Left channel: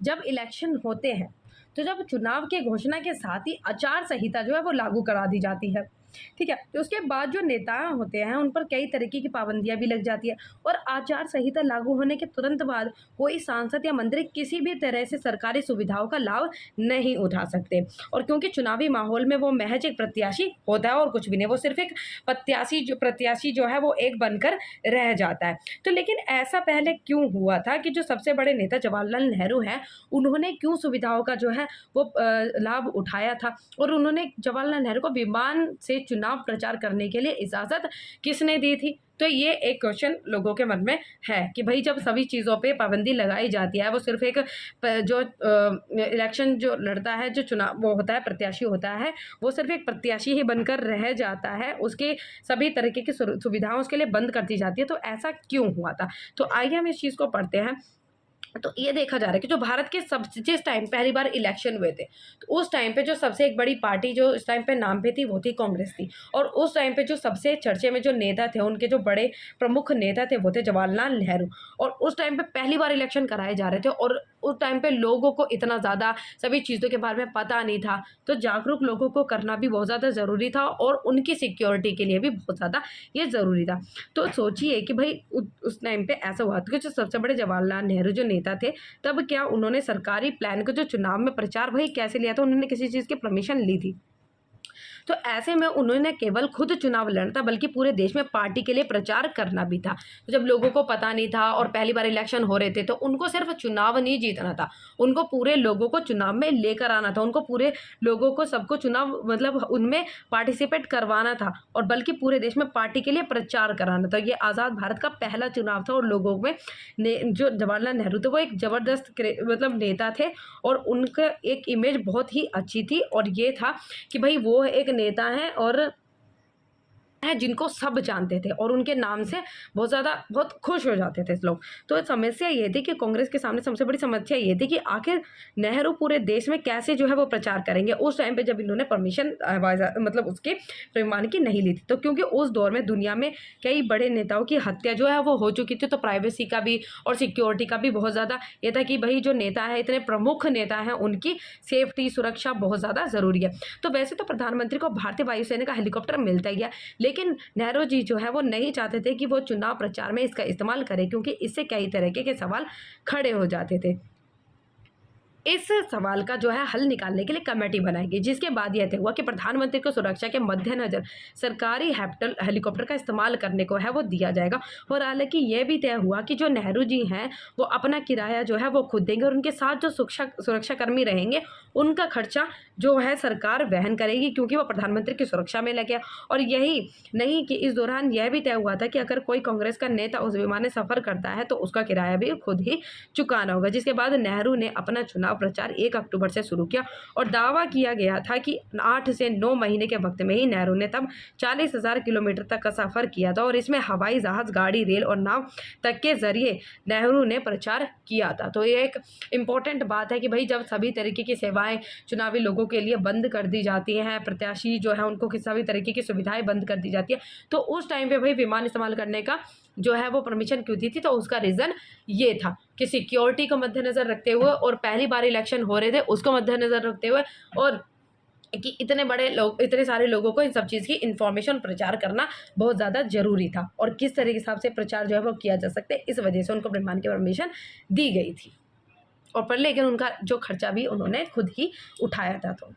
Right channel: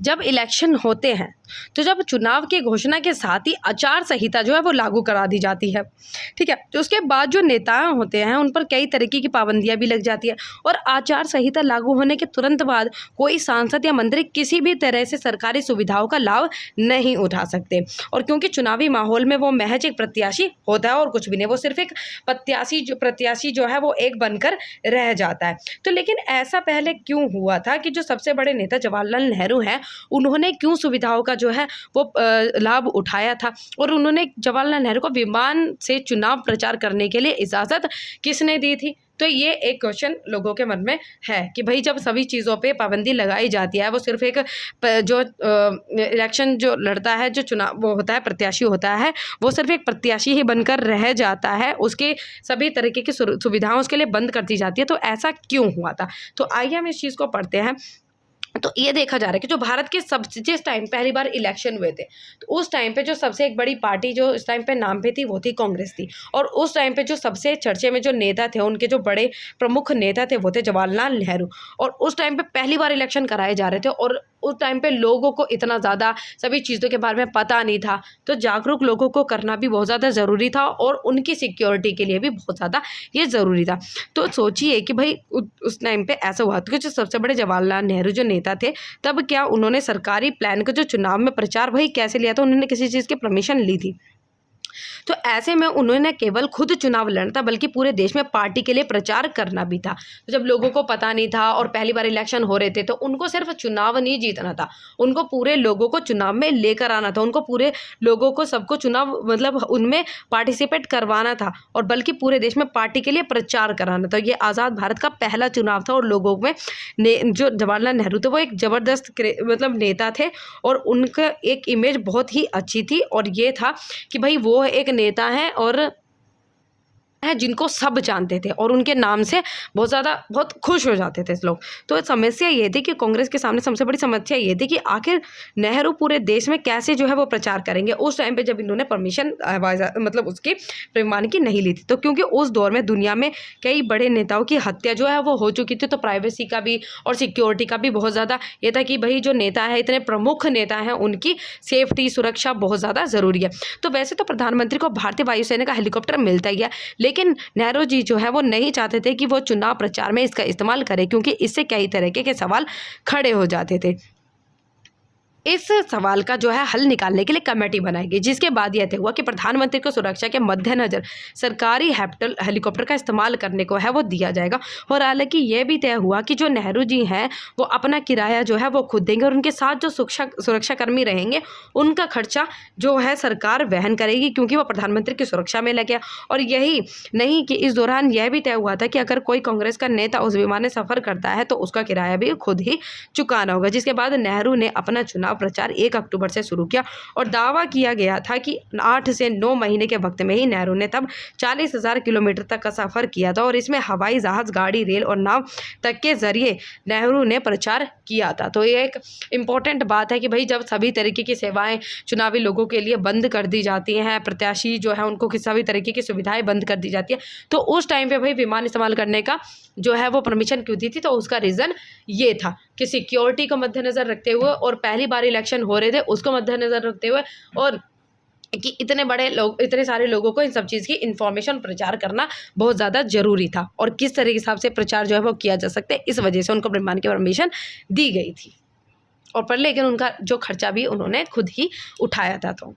जब इलेक्शन होते हैं तो जब चुनाव की घोषणा के साथ ही आचार संहिता जो है वो लागू करा दी जाती है, ठीक है। तो उसके बाद जो नेता होते हैं उन पर कई तरीके की पाबंदियां भी लग जाती है और आचार संहिता लागू होने के तुरंत बाद कोई सांसद या मंत्री किसी भी तरह से सरकारी सुविधाओं का लाभ नहीं उठा सकते। और क्योंकि चुनावी माहौल में वो महज एक प्रत्याशी होता है और कुछ भी नहीं, वो सिर्फ एक प्रत्याशी जो है वो एक बनकर रह जाता है। तो लेकिन ऐसा पहले क्यों हुआ था कि जो सबसे बड़े नेता जवाहरलाल नेहरू हैं, उन्होंने क्यों सुविधाओं का जो है वो लाभ उठाया था और उन्होंने जवाहरलाल नेहरू को विमान से चुनाव प्रचार करने के लिए इजाज़त किसने दी थी? तो ये एक क्वेश्चन लोगों के मन में है कि भाई जब सभी चीज़ों पे पाबंदी लगाई जाती है, वो सिर्फ एक जो इलेक्शन जो लड़ता है, जो चुनाव वो होता है, प्रत्याशी होता है, वो सिर्फ एक प्रत्याशी ही बनकर रह जाता है, उसके सभी तरीके की सुविधाएं उसके लिए बंद कर दी जाती है। तो ऐसा क्यों हुआ था? तो आइए हम इस चीज़ को पढ़ते हैं। तो ये देखा जा रहा है कि जो भारत के सब जिस टाइम पहली बार इलेक्शन हुए थे, तो उस टाइम पे जो सबसे एक बड़ी पार्टी जो उस टाइम पे नाम पे थी वो थी कांग्रेस थी। और उस टाइम पे जो सबसे चर्चे में जो नेता थे, उनके जो बड़े प्रमुख नेता थे वो थे जवाहरलाल नेहरू। और उस टाइम पे पहली बार इलेक्शन कराए जा रहे थे और उस टाइम पे लोगों को इतना ज़्यादा सभी चीज़ों के बारे में पता नहीं था, तो जागरूक लोगों को करना भी बहुत ज़्यादा ज़रूरी था और उनकी सिक्योरिटी के लिए भी बहुत ज़्यादा ये ज़रूरी था। तो सोचिए कि भाई उस टाइम पे ऐसा हुआ था कि जो सबसे बड़े जवाहरलाल नेहरू जो नेता थे, तब क्या उन्होंने सरकारी प्लान का जो चुनाव में प्रचार वही कैसे लिया था? उन्होंने किसी चीज़ की परमिशन ली थी? तो ऐसे में उन्होंने केवल खुद चुनाव लड़ना था, बल्कि पूरे देश में पार्टी के लिए प्रचार करना भी था। तो जब लोगों को पता नहीं था और पहली बार इलेक्शन हो रहे थे, तो उनको सिर्फ चुनाव नहीं जीतना था, उनको पूरे लोगों को चुनाव में लेकर आना था, उनको पूरे लोगों को सबको चुनाव मतलब उनमें पार्टिसिपेट करवाना था और बल्कि पूरे देश में पार्टी के लिए प्रचार कराना था। ये आज़ाद भारत का पहला चुनाव था और लोगों में जो जवाहरलाल नेहरू थे वो एक ज़बरदस्त मतलब नेता थे और उनका एक इमेज बहुत ही अच्छी थी और ये था कि भाई वो एक नेता हैं और है जिनको सब जानते थे और उनके नाम से बहुत खुश हो जाते थे लोग। तो समस्या ये थी कि कांग्रेस के सामने सबसे बड़ी समस्या ये थी कि आखिर नेहरू पूरे देश में कैसे जो है वो प्रचार करेंगे उस टाइम पे जब इन्होंने परमिशन मतलब उसकी प्रमाण की नहीं ली थी। तो क्योंकि उस दौर में दुनिया में कई बड़े नेताओं की हत्या जो है वो हो चुकी थी, तो प्राइवेसी का भी और सिक्योरिटी का भी बहुत ज़्यादा ये था कि भाई जो नेता है, इतने प्रमुख नेता हैं, उनकी सेफ्टी सुरक्षा बहुत ज़्यादा ज़रूरी है। तो वैसे तो प्रधानमंत्री को भारतीय वायुसेना का हेलीकॉप्टर मिलता ही है, लेकिन नेहरू जी जो है वो नहीं चाहते थे कि वो चुनाव प्रचार में इसका इस्तेमाल करें, क्योंकि इससे कई तरीके के सवाल खड़े हो जाते थे। इस सवाल का जो है हल निकालने के लिए कमेटी बनाई गई, जिसके बाद यह तय हुआ कि प्रधानमंत्री को सुरक्षा के मद्देनजर सरकारी हेलीकॉप्टर का इस्तेमाल करने को है वो दिया जाएगा। और हालांकि यह भी तय हुआ कि जो नेहरू जी हैं वो अपना किराया जो है वो खुद देंगे और उनके साथ जो सुरक्षाकर्मी रहेंगे उनका खर्चा जो है सरकार वहन करेगी, क्योंकि वो प्रधानमंत्री की सुरक्षा में लगे। और यही नहीं कि इस दौरान यह भी तय हुआ था कि अगर कोई कांग्रेस का नेता उस विमान में सफर करता है तो उसका किराया भी खुद ही चुकाना होगा। जिसके बाद नेहरू ने अपना चुनाव प्रचार 1 अक्टूबर से शुरू किया और दावा किया गया था कि 8 से 9 महीने के वक्त में ही नेहरू ने तब 40,000 किलोमीटर तक का सफर किया था और इसमें हवाई जहाज, गाड़ी, रेल और नाव तक के जरिए नेहरू ने प्रचार किया था। तो ये एक इम्पॉर्टेंट बात है कि भाई जब सभी तरीके की सेवाएं चुनावी लोगों के लिए बंद कर दी जाती हैं, प्रत्याशी जो है उनको सभी तरीके की सुविधाएं बंद कर दी जाती है, तो उस टाइम पे भाई विमान इस्तेमाल करने का जो है वो परमिशन क्यों दी थी? तो उसका रीज़न ये था कि सिक्योरिटी को मद्देनजर रखते हुए और पहली बार इलेक्शन हो रहे थे उसको मद्देनजर रखते हुए और कि इतने बड़े लोग, इतने सारे लोगों को इन सब चीज़ की इन्फॉर्मेशन प्रचार करना बहुत ज़्यादा ज़रूरी था और किस तरह के हिसाब से प्रचार जो है वो किया जा सकता है, इस वजह से उनको विमान की परमिशन दी गई थी। और पर लेकिन उनका जो खर्चा भी उन्होंने खुद ही उठाया था। तो